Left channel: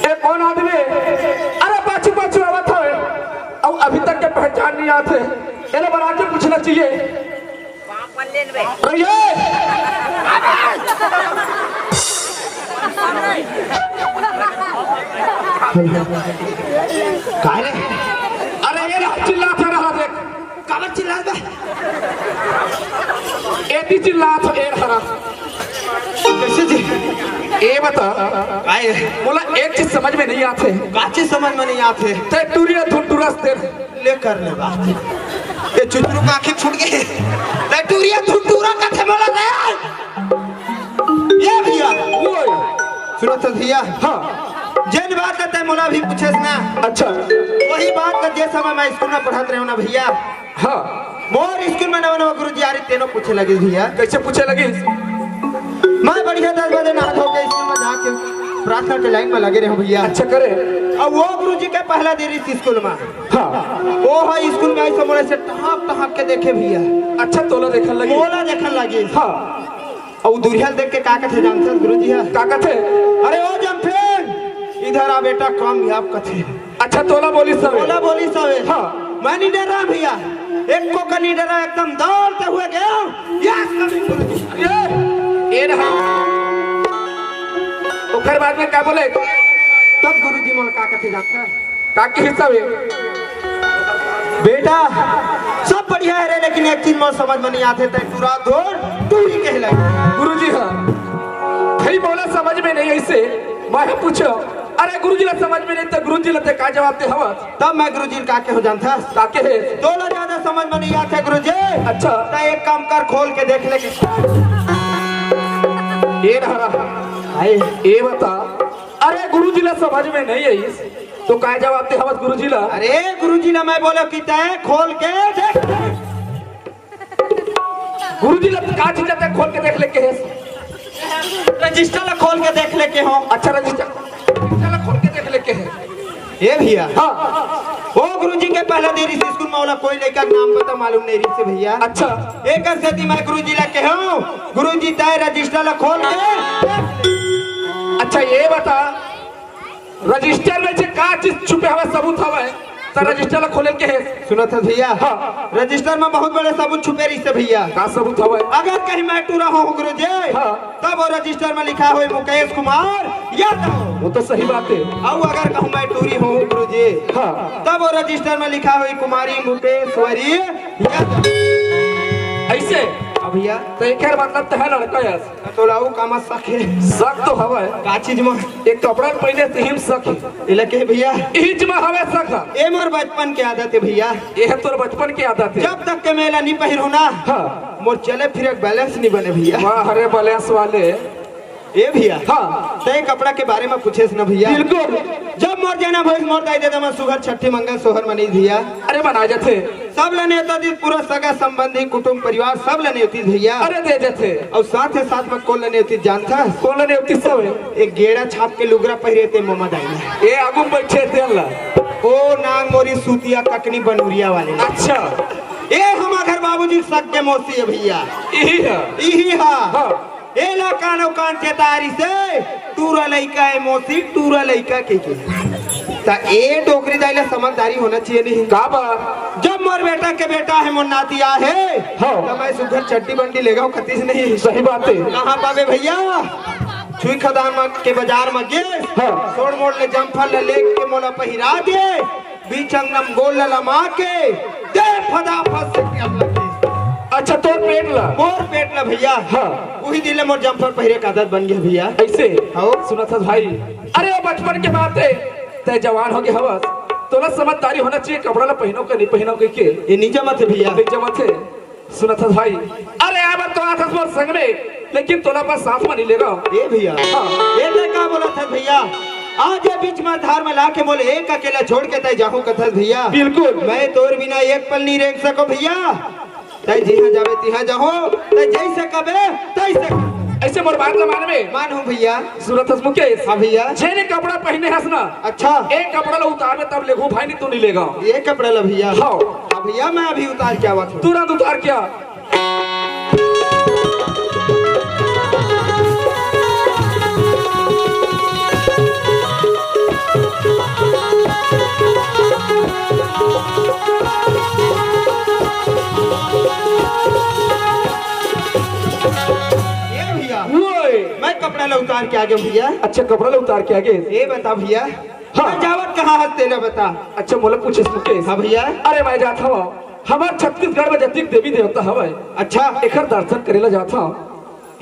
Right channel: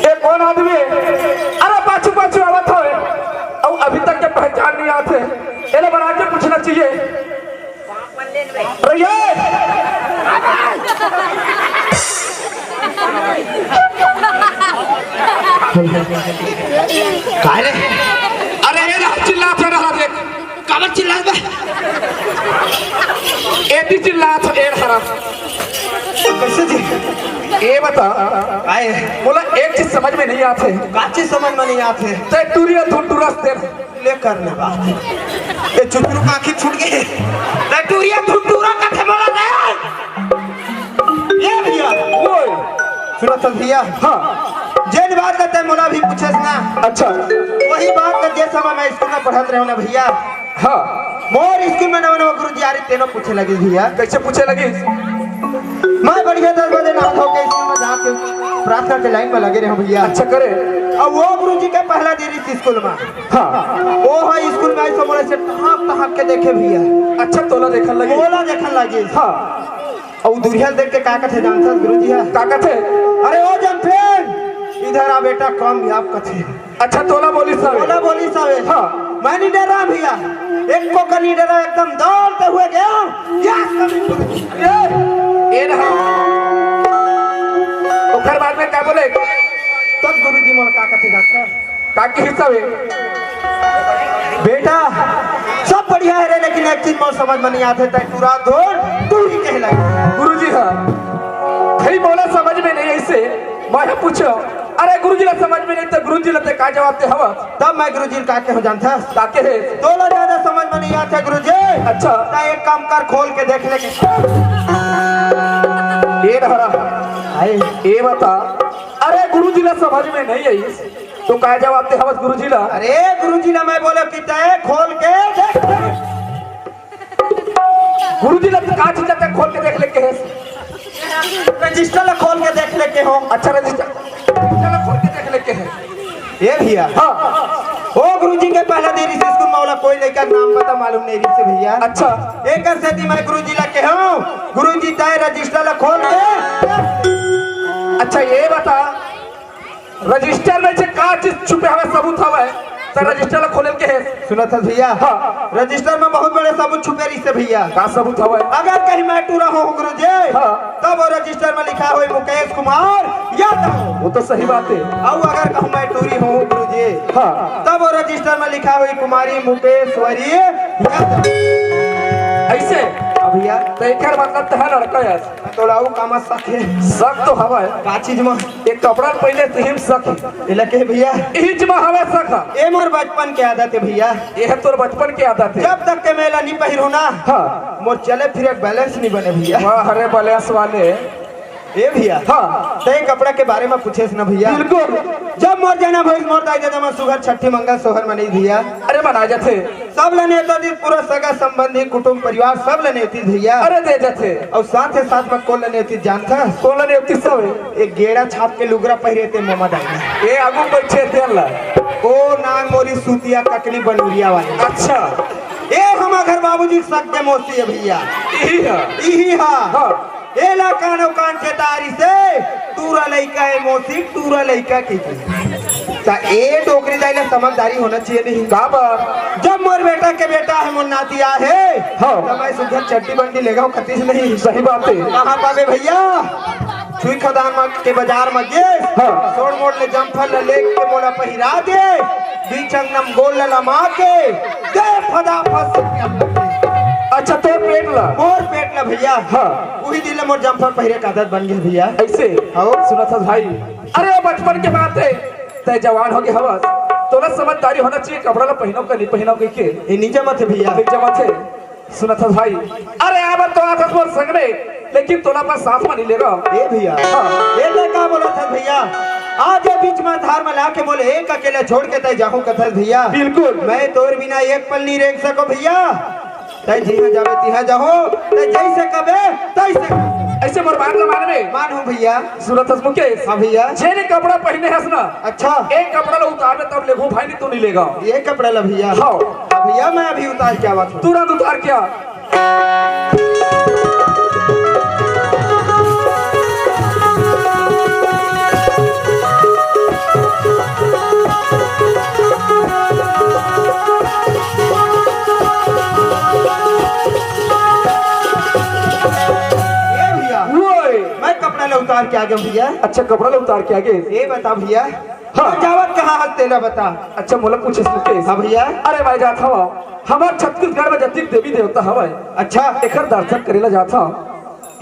ये कौन आदमी है? अरे पाछू पाछू आवत हो और अभी तक के पहचान नहीं आते। इन्हें बना के पूछना चाहिए। अरे ये काय रे? अरे ये ना चिल्लात रहा देख। काबर चिल्लात बे? एती चिल्लात ए रहा। कैसे जी? ये बता काय बोला एक चीज समझ में नहीं आते। बाची समझ में नहीं आते। ते टूरिया धुंडुरस दे ले कर ले बात। ये चुटरू का आंखें छूट गई। ते टूरिया धुंडुरा का थे बोला दे। ये भैया वो सुनो तो भैया। हाँ जेन बात करते हैं मोला भी पूछे ना। अच्छा वही बात कर जे समय मैं स्कूल में पढ़त रहा ना भैया। हाँ मोर स्कूल में नवा नवा गुरुजी आ रही तेनो पूछे लगी भैया। कैसे पूछे लगी? मैं बढ़िया 10 बजे नहा धो के स्कूल में जाके प्रार्थना के लाइन में लगे रहे भैया। अच्छा करे। अब वो गुरुजी के पहला दिन इस स्कूल में। हाँ वो है स्कूल में ऐसे मोड़े से टहक के देखे भैया। अच्छा तोला देखने लगी। मोला देखने लगी। हाँ और दुरिया देख के का कहते जानते गुरुजी है ताकत है। अरे ओ जमफेन इधर आ बेटा कामयाब कथे। अच्छा तोला बोली सब। मोला बोली सावे। हाँ मैं नहीं डरा भैया। एक को कनी डरा एकदम दौड़ते हुए गया। ये रहा। और फिर बाद में क्या बोले? तब गुरुजी मोला का कहते जानता ताकि हिसाब है बेटा सब बढ़िया है रे, लेकिन एक चीज मोर समझ में नहीं आते तय पूरा दौड़ तू ही कहला। गुरुजी हाँ भाई बोला समझ में नहीं ऐसे मैं पूछो अरे गुरुजी ला समझ में नहीं तो गुरुजी ला का जवाब दे हवा तब मैं गुरुजी का के हो जानता ताके है तोला ज्यादा समझ में नहीं आता गुरुजी। अच्छा ता एक काम कर खोल के देख ले ये रहा ये बता अरे गुरुजी ला समझ में नहीं आई तो का जवाब दे हवा गुरुजी ला। अरे गुरुजी ला मैं बोला कि तय खोल के देख गुरुजी ला का चीज ला खोल के देख ले के है रजिस्टर ला खोल के देख ले के हो। अच्छा रजिस्टर खोल के देख ले के है ये भैया हाँ ओ गुरुजी के पहला देरी से स्कूल में वाला कोई लड़का का नाम पता मालूम नहीं रही से भैया। अच्छा एक से मैं गुरुजी ला के हूँ गुरुजी तय रजिस्टर ला खोल के। अच्छा ये बता रजिस्टर में से का चीज छुपे हवा सबूत हवा है तो रजिस्टर ला खोले के है सुना था भैया। हाँ रजिस्टर में बहुत बड़े सबूत छुपे रही से भैया। का सबूत हवा है अगर कहीं मैं टूरा हूँ गुरुजी हाँ। तब वो रजिस्टर में लिखा हुआ मुकेश कुमार यादव। वो तो सही बात है और अगर कहूँ मैं टूरी हूँ गुरुजी हाँ तब वो रजिस्टर में लिखा हुई कुमारी मुकेश्वरी यादव। ऐसे भैया तो एक मतलब तो है लड़का यार तो लाऊ कामा सखे शक तो हवा है का चीज में एक कपड़ा पहले तिहिम शक इला के भैया इज में हवा शक ए मोर बचपन के आदत है भैया। ये है तोर बचपन की आदत है जब तक के मेला नहीं पहिरो ना हाँ मोर चले फिर एक बैलेंस नहीं बने भैया। वाह हरे बलेस वाले ए भैया हाँ ते कपड़ा के बारे में पूछे ना भैया। बिल्कुल जब मोर जाना भैया मोर दाई दे मैं सुगर छठी मंगल सोहर मनी भैया अरे मना जाते सब लेने थी पूरा सगा संबंधी कुटुंब परिवार सब लेने थी भैया। अरे दे जाते और साथ ही साथ में कौन लेने थी जानता कौन ने उतनी सब एक गेड़ा छाप के लुगरा पहिरे थे मोमा दाई ये आगू बैठे थे ला ओ नांग मोरी सूतिया ककनी बनूरिया वाले। अच्छा ए हम घर बाबूजी सग के मोसी है भैया यही है यही हाँ हाँ ए ला कानो कान चेतारी से टूरा लइका है मोसी टूरा लइका के ता ए डोकरी दाइले समझदारी होना चाहिए नहीं का बात जब मोर बेटा के बेटा है मोर नातिया है हाँ। तो मैं सुधर चट्टी बंडी लेगा हूँ खतीस नहीं। सही बात है कहाँ पावे भैया छुई खदान के बाजार में गे हाँ। सोड़ मोड़ ले जम्फल ले लेक के मोला पहिरा दे बीच अंगम गोल लमा के दे फदा फस। अच्छा तो पेट ला मोर पेट ला भैया हाँ वही दिन मोर जम्फर पहिरे का आदत बन गई भैया। ऐसे हाँ सुना था भाई अरे बचपन के बात है तय जवान हो गए हवस तोला समझदारी होना चाहिए कपड़ा ला पहनाओ का नहीं पहनाओ के ये नीचे मत है भैया देख जमा थे सुना था भाई अरे अब तो आता था संग में लेकिन तोला पास साथ में नहीं लेगा ए भैया ये ले का बोला था भैया आज ये बीच में धार में लाके बोले एक अकेले छोड़ के तय जाहूं कथल भैया बिल्कुल मैं तोर बिना एक पल नहीं रेख सको भैया तय जिहा जावे तिहा जाहो तय जैसे कबे तैसे ऐसे बर्बाद का मान हूं भैया। सूरत मुकेश हाँ भैया जेने कपड़ा पहने हस ना अच्छा एक कपड़ा ला उतार तब लेगो भाई नहीं तो नहीं लेगा ये कपड़ा ला भैया हाँ भैया मैं अभी उतार क्या बात हूँ तुरंत उतार क्या कपड़ा ला उतार के आ गया भैया। अच्छा कपड़ा ला उतार के आगे ये बता भैया हाँ। जावत कहाँ हल तेला बता। अच्छा बोला कुछ मुकेश हाँ भैया अरे भाई जाता हवा हमार छत्तीसगढ़ में जतिक देवी देवता हवा अच्छा एकर दर्शन करेला जाता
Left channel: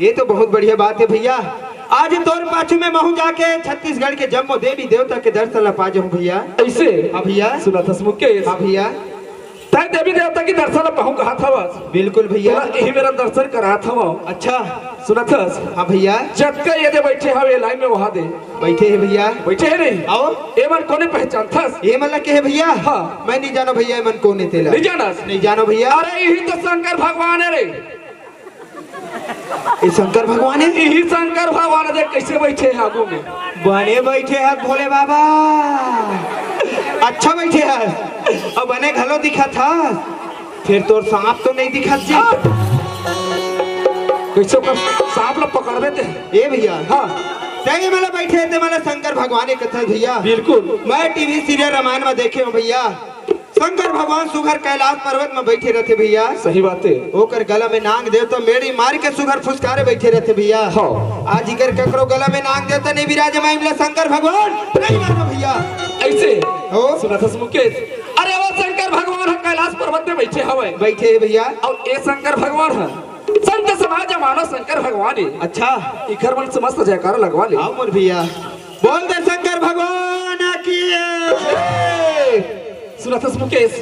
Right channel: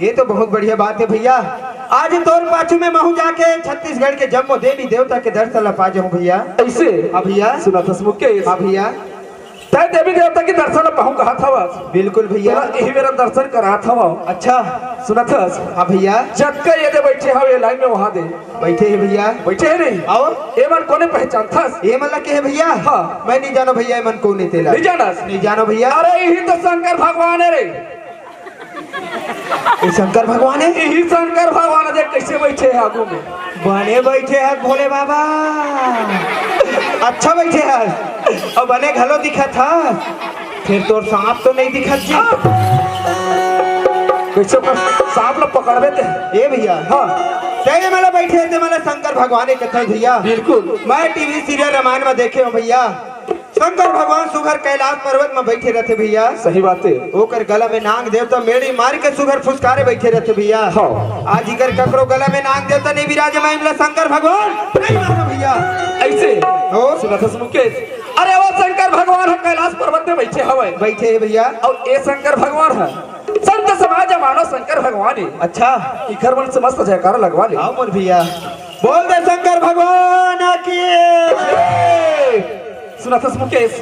ये तो बहुत बढ़िया बात है भैया। आज तोर पाछू में महू जाके छत्तीसगढ़ के जम्मो देवी देवता के दर्शन ला पा जाऊं भैया। ऐसे हाँ भैया सुना था मुकेश हाँ भैया तय देवी देवता के दर्शन ला पाऊं कहा था बिल्कुल भैया यही मेरा दर्शन करा था अच्छा सुना था हाँ भैया जब के ये दे बैठे हो ये लाइन में वहां दे बैठे है भैया बैठे है नहीं और ये मन कोने पहचान था ये मतलब के है भैया हाँ मैं नहीं जानो भैया मन कौन है तेला नहीं जाना नहीं जानो भैया। अरे यही तो शंकर भगवान है रे ये शंकर भगवान है यही शंकर भगवान है देख कैसे बैठे हैं आगू में बने बैठे हैं भोले बाबा अच्छा बैठे हैं और बने घलो दिखा था फिर तो सांप तो नहीं दिखा जी कैसे सांप लोग पकड़ देते हैं ये भैया हाँ तेरे वाला बैठे थे मैंने शंकर भगवान के कथल भैया बिल्कुल मैं टीवी सीरियल रामायण में देखे हूँ भैया शंकर भगवान सुघर कैलाश पर्वत में बैठे रहते भैया। सही बात है। ओकर गला में नाग देवता मेड़ी मार के सुघर फुसकारे बैठे रहते भैया। हाँ। आज इकर ककरो गला में नाग देवता नहीं विराजमान शंकर भगवान नहीं मारो भैया। ऐसे हो सुना था मुकेश। अरे वो शंकर भगवान है कैलाश पर्वत में बैठे हवे। बैठे है भैया। और ये शंकर भगवान है संत समाज मानो शंकर भगवान है। अच्छा इखर मन से मस्त जयकारा लगवा ले। आओ बोल भैया बोल दे शंकर भगवान की। सुना था मुकेश।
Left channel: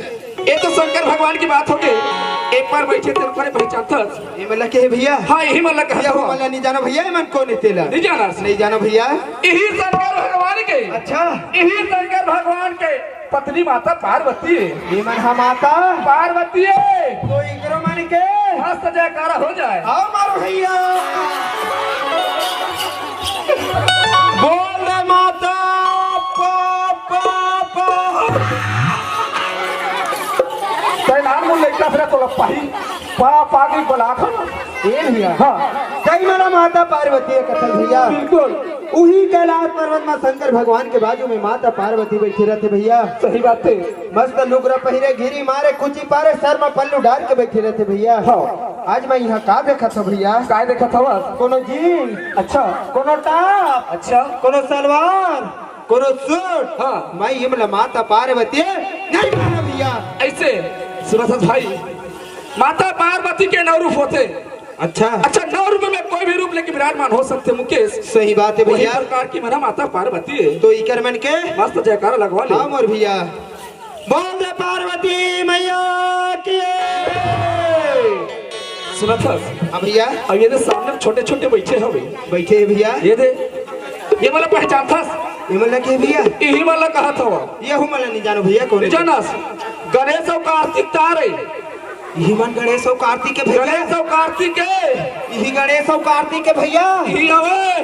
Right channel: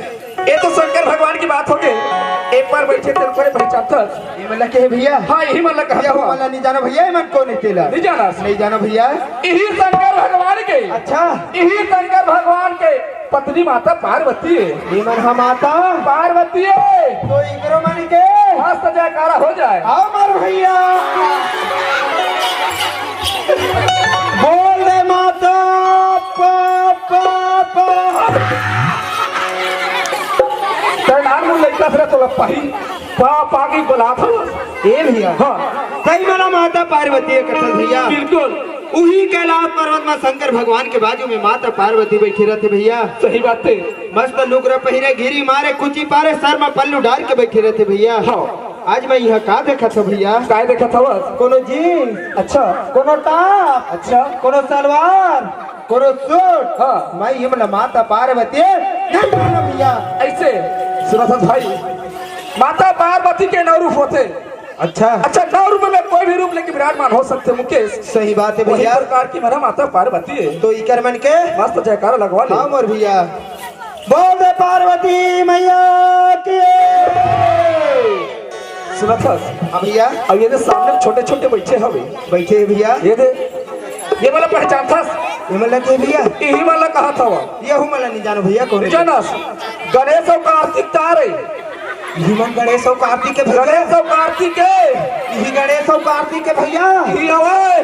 ये तो शंकर भगवान की बात हो गई। एक बार बैठे तेरे को पहचानता ये मतलब के है भैया। हाँ यही मतलब भैया हो मतलब नहीं जाना भैया मन को नहीं तेला नहीं जाना नहीं जाना भैया। यही शंकर भगवान के। अच्छा यही शंकर भगवान के पत्नी माता पार्वती है। ये मन हम माता पार्वती है तो इकरो मन के मस्त जयकारा हो जाए। आओ मारो भैया बोल दे माता नाम लड़का फिर तो लपाही पा की बोला था। ए भैया हाँ सही मेरा माता पार्वती है कथन भैया। बिल्कुल उही कैलाश पर्वत में शंकर भगवान के बाजू में माता पार्वती बैठी रहते भैया। सही बात है। मस्त लुगरा पहिरे घिरी मारे कुची पारे सर में पल्लू डाल के बैठे रहते भैया। हाँ आज मैं यहाँ का देखा था भैया। का देखा था कोनो जीन्स अच्छा कोनो टॉप अच्छा कोनो सलवार कोनो सूट। हाँ मैं ये मतलब माता पार्वती नहीं मानो भैया। ऐसे सुना था भाई माता पार्वती के 9 रूप होते। अच्छा अच्छा 9 रूप में कोई भी रूप लेके विराजमान हो सकते मुकेश। सही बात है वही भैया। प्रकार की मेरा माता पार्वती है। तो इकर मन के मस्त जयकारा लगवा ले। हाँ मोर भैया बोल दे पार्वती मैया की। सुना था अब भैया अब ये सामने छोटे छोटे बैठे हवे बैठे हैं भैया। ये दे ये वाला पहचान था। ये मतलब के भैया यही वाला कहा था वो ये हूँ मतलब नहीं जानो भैया कौन जानस गणेश और कार्तिक तारे। हिमन गणेश और कार्तिक के भैया। गणेश और कार्तिक के यही गणेश और कार्तिक के भैया। यही हवे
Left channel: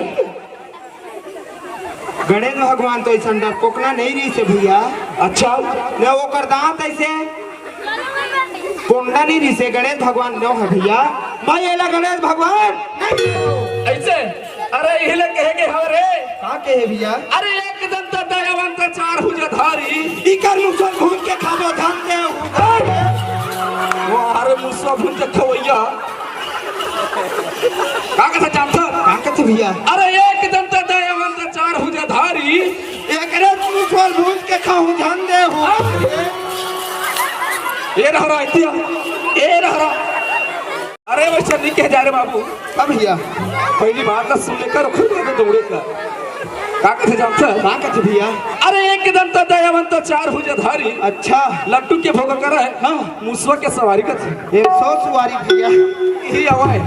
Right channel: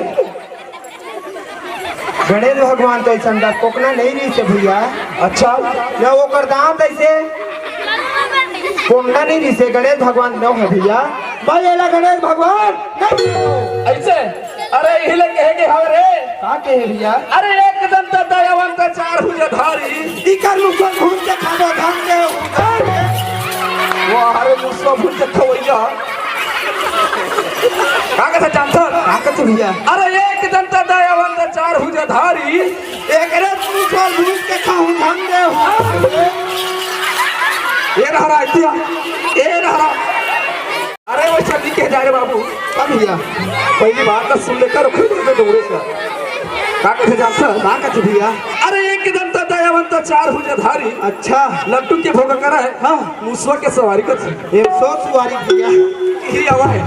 गणेश भगवान तो ऐसा डर कोकना नहीं रही से भैया। अच्छा न वो कर दांत ऐसे कोंडा नहीं रही से गणेश भगवान न है भैया। भाई एला गणेश भगवान नहीं ऐसे अरे हिले कहेगे हरे का के है भैया। अरे एक दंत दयावंत 4 भुजधारी इकर मुसर घूम के खाबो धन के वो हरे मुसो भूल के खवैया काका से जानता ताकत भैया। अरे एक दंत दयावंत 4 भुजधारी एक रे मुसर घूम के खाऊं धन दे हो। ये रहा इतिया ये रहा। अरे मैं चल के जा रे बाबू। अब भैया पहली बात ना सुन लेकर खुद में दौड़े का काका से जानता ताकत भैया। अरे एक दंत दयावंत 4 भुजधारी अच्छा लड्डू के भोग कर है। हाँ मुसवा के सवारी कर 100 सवारी भैया। यही आवा है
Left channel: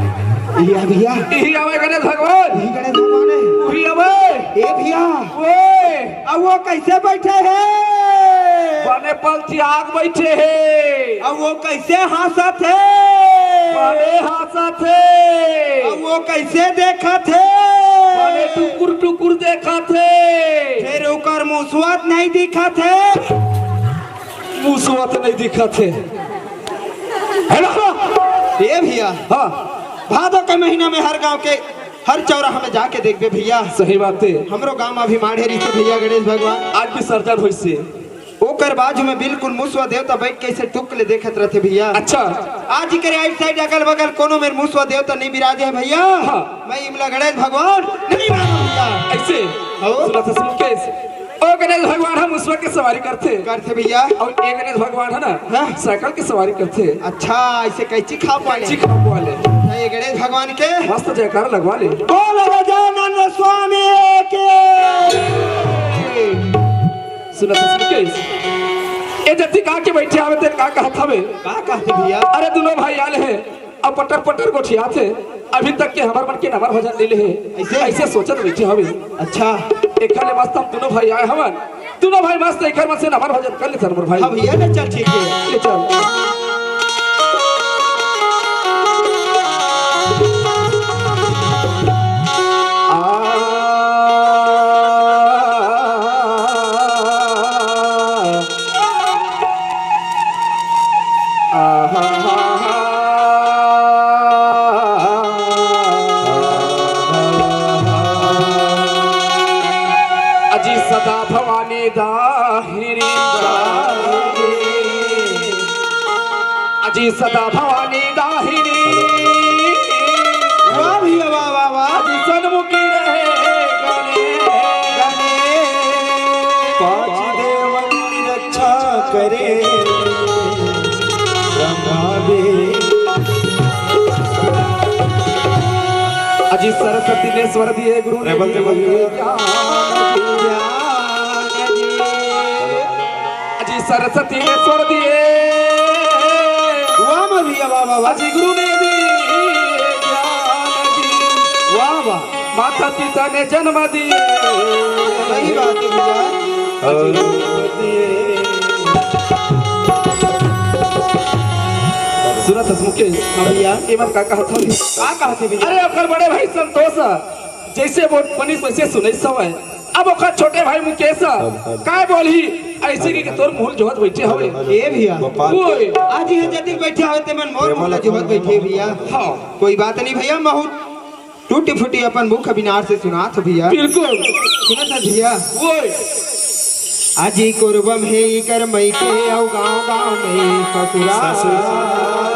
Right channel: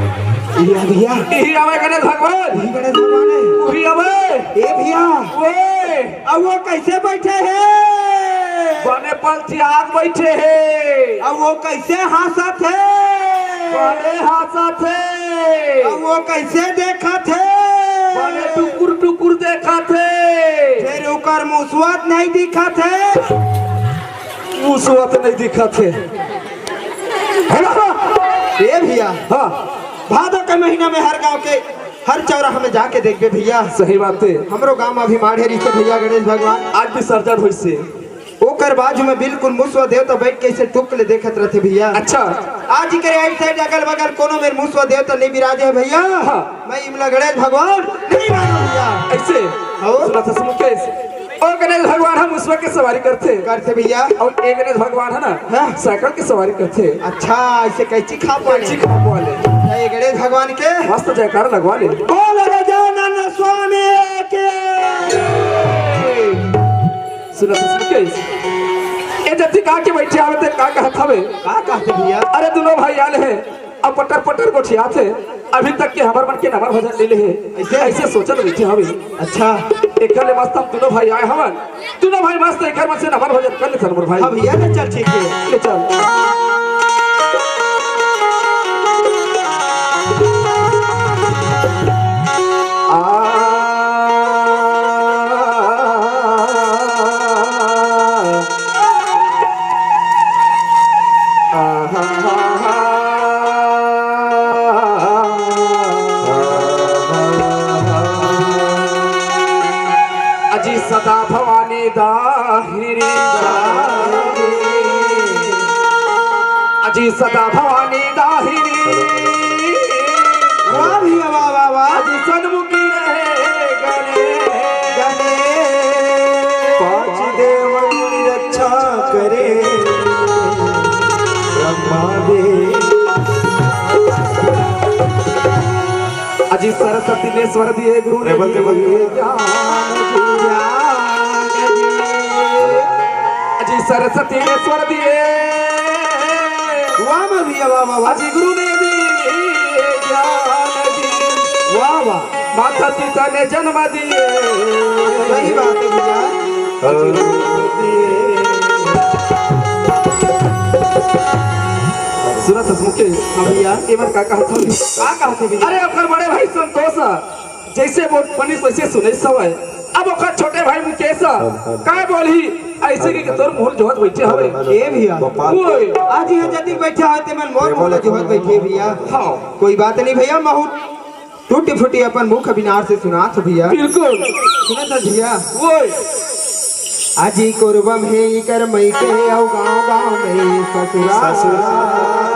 भैया यही आवा गणेश भगवान यही गणेश भगवान है। वही आवे ए भैया ओए अब वो कैसे बैठे हैं। बने पंथी आग बैठे हैं। अब वो कैसे हंसत है। बने हंसत है। अब वो कैसे देखत है। बने टुकुर टुकुर देखा थे। फिर ओकर मुसवत नहीं दिखत है। मुसवा तो नहीं दिखा थे। ए भैया हाँ भादो के महीना में हर गांव के हर चौराहा में जाके देखबे भैया। सही बात है। हमरो गांव में भी माढ़े रही भैया गणेश भगवान। आज भी सर्जन हुई से ओकर बाजू में बिल्कुल मुसवा देवता बैठ के ऐसे टुक ले देखत रहते भैया। अच्छा आज के राइट साइड अगल बगल कोनो में मुसवा देवता नहीं विराज है भैया। हाँ। मैं इमला गणेश भगवान नहीं मानो भैया। ऐसे हो सुना था मुकेश। और गणेश भगवान हम मुसवा की सवारी करते भैया। और एक गणेश भगवान है ना हाँ। साइकिल की सवारी करते। अच्छा ऐसे कैची खा पाले वाले गणेश भगवान के मस्त जयकार लगवा ले। बोल गजानन स्वामी के। सुना था मुकेश। ये जति का के बैठे आवते का कहत हवे का कहते भैया। अरे दोनों भाई आले हैं अब पटर पटर गोठिया थे अभी तक के हमार मन के नंबर भजन ले ले ऐसे ऐसे सोचत बैठे हवे। अच्छा एकले मस्त हम दोनों भाई आए हवन दोनों भाई मस्त एकर में से नंबर भजन कर ले चल मोर भाई। हाँ भैया ना चल ठीक है ले चल। अजी सदा भवानी दाहिरी अजी सदा भवानी दाहिनी वाह भैया वाह वाह वाह अजी सन्मुखी रहे गणे गणे पांच देवन की रक्षा करे ब्रह्मादेव अजी सरस्वती ने स्वर दिए गुरु ने दिए अजी सरस्वती ने स्वर दिए वाह भैया वाह वाह वाह अजी गुरु ने दिए ज्ञान दी वाह वाह माता पिता ने जन्म दिए सही बात है भैया सुनत हसमुखे भैया ये मत का कहा थोड़ी कहा थे भैया अरे ओकर बड़े भाई संतोष जैसे वो पनिस वैसे सुने सवय अब ओकर छोटे भाई मुकेश का बोलही ऐसे के तोर मुहल जोहत बैठे हवे ए भैया कोई आज ये जदी बैठा होते मन मोर मोला जोहत बैठे भैया हां कोई बात नहीं भैया महू टूटी फूटी अपन मुख अविनाश से सुनात भैया बिल्कुल सुनत भैया कोई आजी कुर्बम है कर मई के औ गांव में ससुराल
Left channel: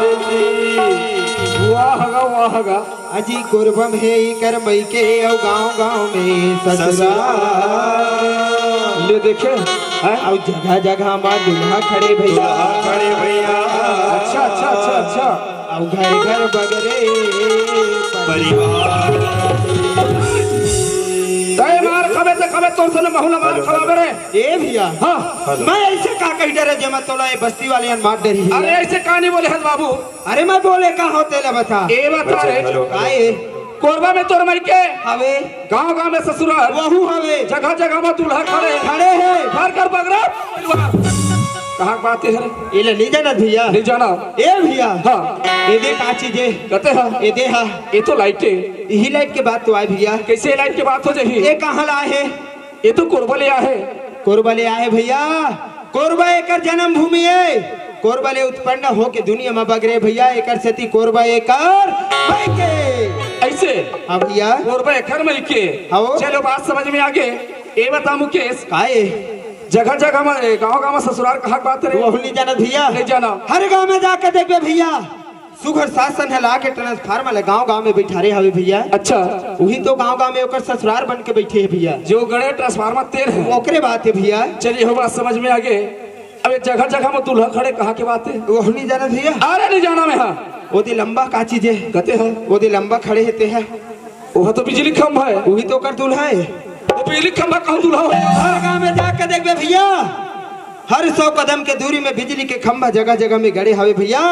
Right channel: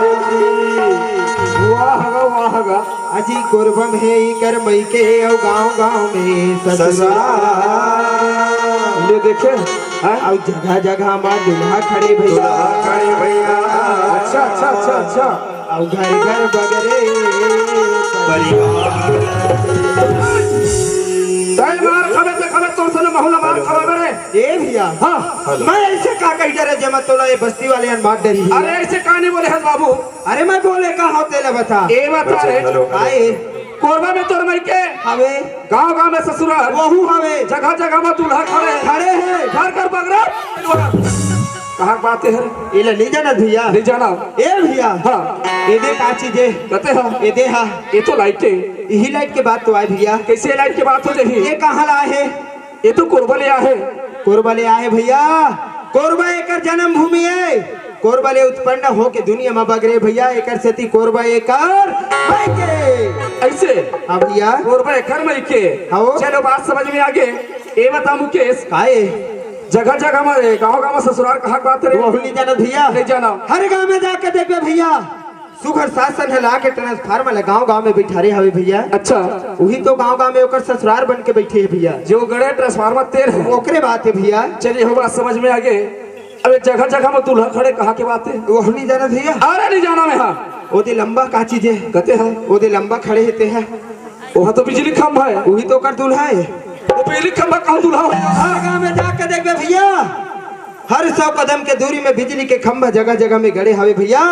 वाह गा आजी कुर्बम है कर मई के औ गांव में ससुराल ले देखे हैं औ जगह जगह मां दुल्हा खड़े भैया अच्छा अच्छा अच्छा अच्छा औ घर घर बगरे परिवार तय मार खबे से खबे तो सन महल मार खबे रे ए भैया हां मैं ऐसे का कह डरे जमा तोड़ा ये बस्ती वाले अन मार डरी है अरे ऐसे कहानी बोले हस बाबू अरे मैं बोले का होते ला बता ए बता रे आए कोरबा में तोर मई के हवे गांव गांव में ससुराल वहू हवे जगह जगह में दूल्हा खड़े खड़े हैं घर घर बगरा कहां बात है ये ले नहीं जाना भैया नहीं जाना ए भैया हां ये दे का चीज है कहते हो ये दे हा ये तो लाइट है यही लाइट के बात तो आए भैया कैसे लाइट की बात हो जाही ये कहां लाए है ये तो कोरबा लिया है कोरबा ले आए भैया कोरबा एकर जन्म भूमि है कोरबा ले उत्पन्न हो के दुनिया में बगरे भैया एकर सेती कोरबा एकर मायके ऐसे हां भैया कोरबा घर में के हाँ। चलो बात समझ में आ गए ये बता मुकेश आए जगह जगह में गांव गांव में ससुराल कहां बात रे वो नहीं जाना भैया नहीं जाना हर गांव में जाके देखबे भैया सुघर शासन है लाके ट्रांसफार्मर ले गांव में बैठारे हवे भैया अच्छा वही तो गांव में ओकर ससुराल बन के बैठे है भैया जो गणे ट्रांसफार्मर तेर है ओकरे बात है भैया चलिए हो बात समझ में आ गए अब जगह जगह में दूल्हा खड़े कहां के बात है वो नहीं जाना भैया अरे नहीं जाना मैं हां ओदे लंबा का चीज है कहते हैं ओदे लंबा खड़े हेते हैं वहां तो बिजली खंभा है वही तो कर दूल्हा है वो बिजली खंभा कहां दूल्हा है हर गांव में जाके देखबे भैया हर 100 कदम के दूरी में बिजली के खंभा जगह जगह में गड़े हवे भैया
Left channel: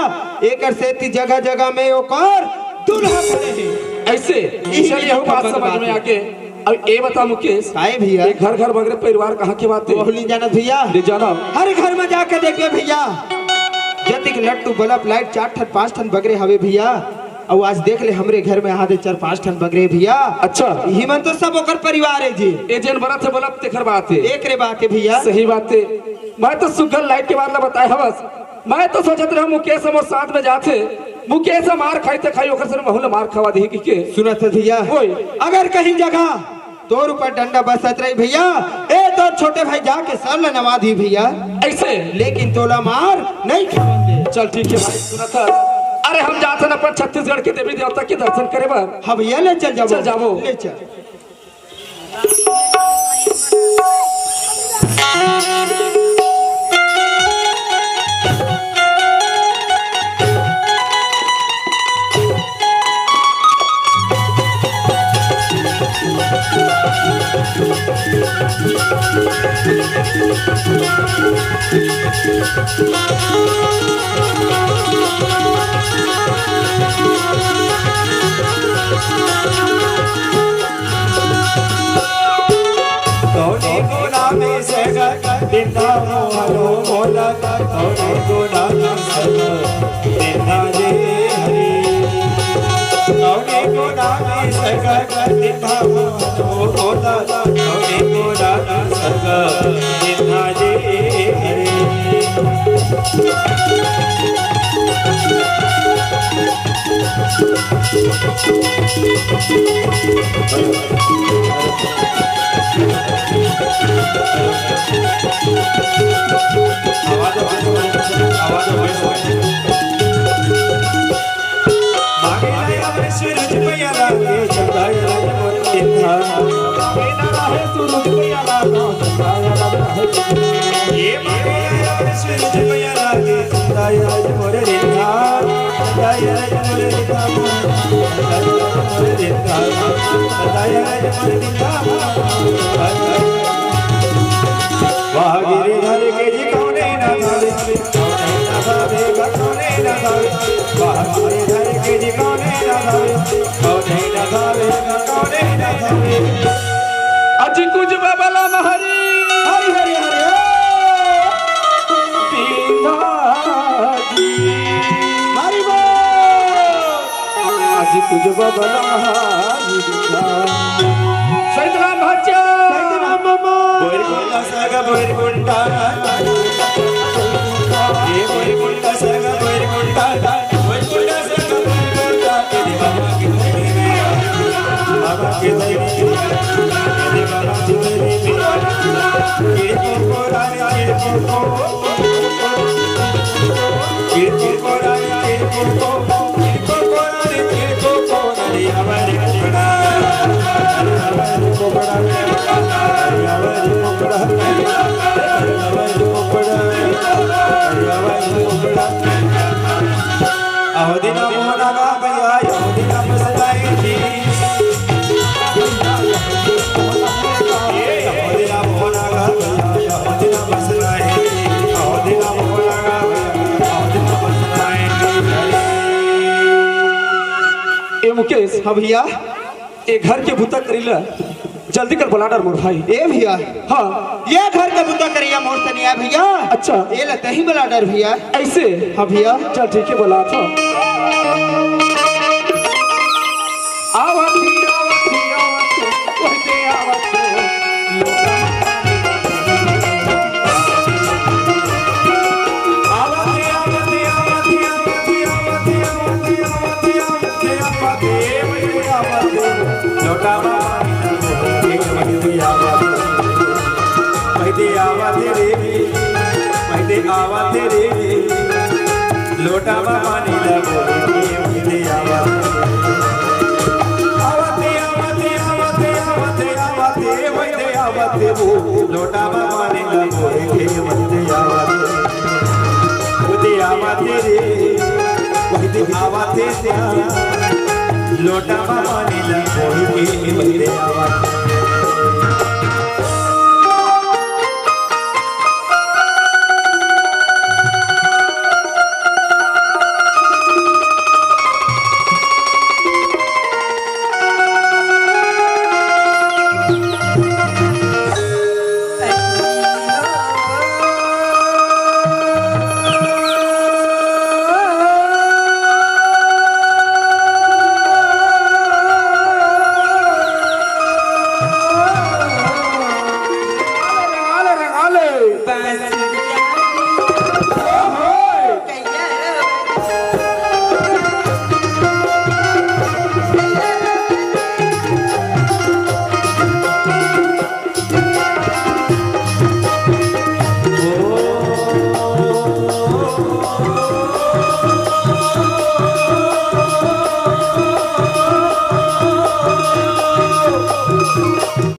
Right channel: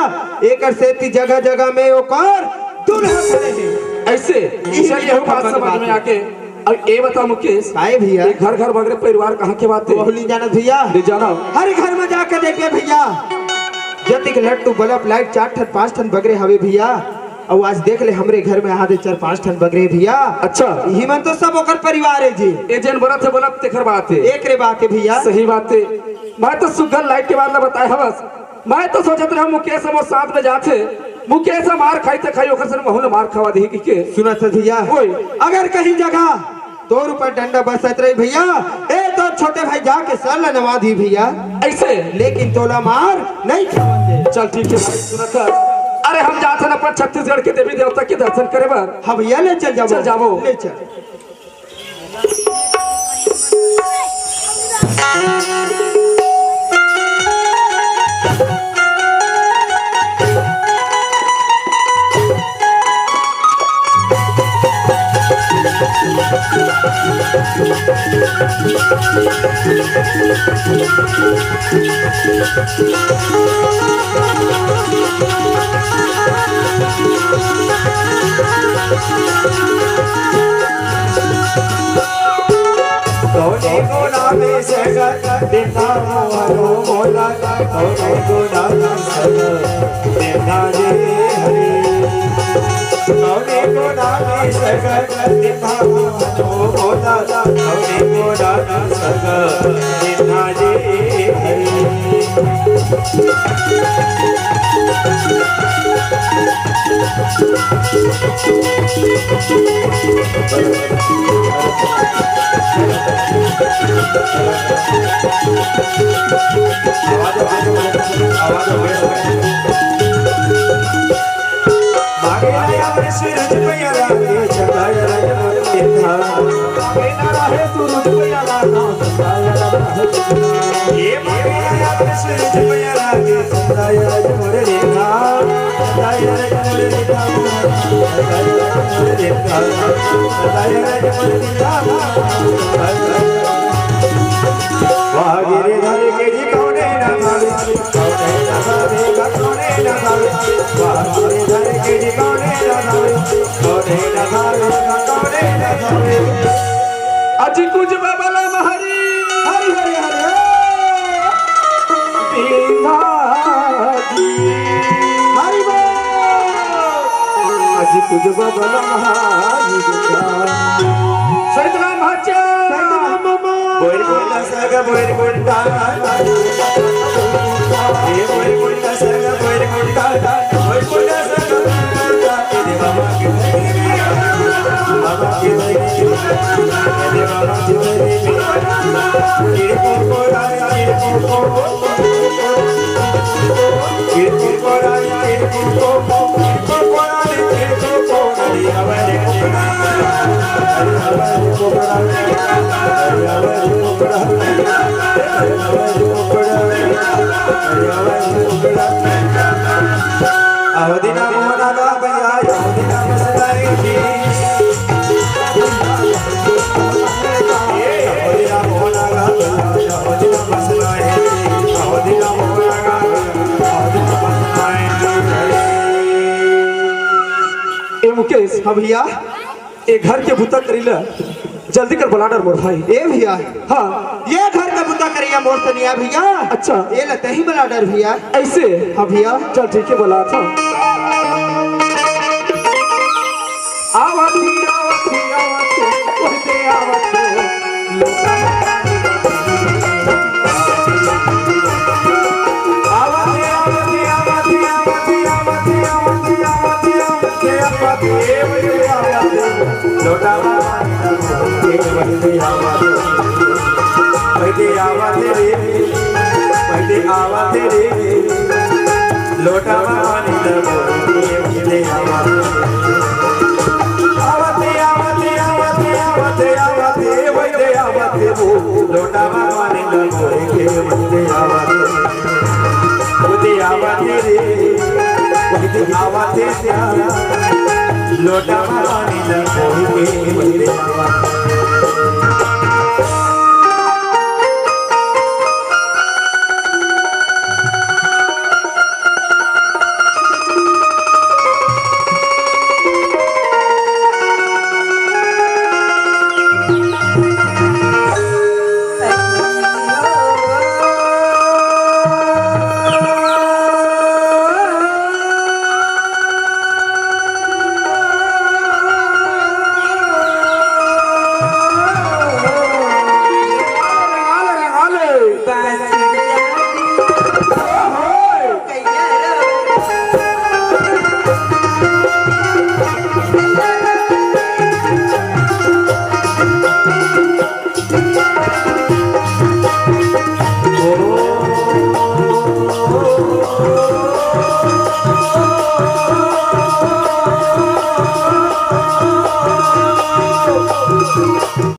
एकर सेती जगह जगह में ओकर दूल्हा खड़े हैं ऐसे चलिए हो बात समझ में आ गए अब ये बता मुकेश आए भैया ये घर घर बगरे परिवार कहां के बात है वो नहीं जाना भैया नहीं जाना हर घर में जाके देखबे भैया जति के लट्टू बल्ब लाइट 4 ठन 5 ठन बगरे हवे भैया और आज देख ले हमरे घर में आधे 4-5 ठन बगरे भैया अच्छा यही मन तो सब ओकर परिवार है जी ये जन बरत है बोला तेखर बात है एक रे बात है भैया सही बात है मैं तो सुगल लाइट के बाद बताए हवस मैं तो सोचत रहा मुकेश हम साथ में जाते मुकेश मार खाई ते खाई ओकर से बहुल मार खवा दी की के सुनत है भैया ओए अगर कहीं जगह तोर ऊपर डंडा बसत रही भैया ए तो छोटे भाई जाके सर न नवा दी भैया ऐसे लेकिन तोला मार नहीं खावन दे चल ठीक है सुनत अरे हम जाते न अपन छत्तीसगढ़ के देवी देवता के दर्शन करे बार हाँ भैया ले चल जाबो चल जाबो। ले चल देखा हरो बोला थोड़े गोड़ा देखा रे हरे थोड़े गोड़ा देखा हरो बोला थोड़े गोड़ा देखा रे आवाज अजी कुछ बाबला महरी हरि हरि हरि हरि बोल। अजी कुछ बाबला महरी सैदराम हच्चा बोर बोलता सगा बोर बोलता ये बोर बोलता सगा बोर बोलता बोर बोलता सगा बोर बोलता बाबा के बाबा के बाबा के ये तुमको राया ये तुमको ये तुमको राया ये तुमको अवधिना मोहना का भैया अवधिना मसलाई अवधिना मोहना का अवधिना मसलाई अवधिना मोहना का अवधिना मसलाई। ए मुकेश हाँ भैया ए घर के भूता करीला जल्दी कर बुलाडर मोर भाई ए भैया हाँ ये घर का बुता करिया मोर से निया भैया। अच्छा ये लते ही बला डर भैया। ऐसे हाँ भैया चल ठीक है बोला था आवती आवती आवती उनके आवती लोटा पानी लगो आवते आवते आवते आवते आवते वैदे आवते लोटा पानी लगो वैदे आवते उदे आवते रे उदे आवते प्यारा लोटा पानी लगो वैदे आवते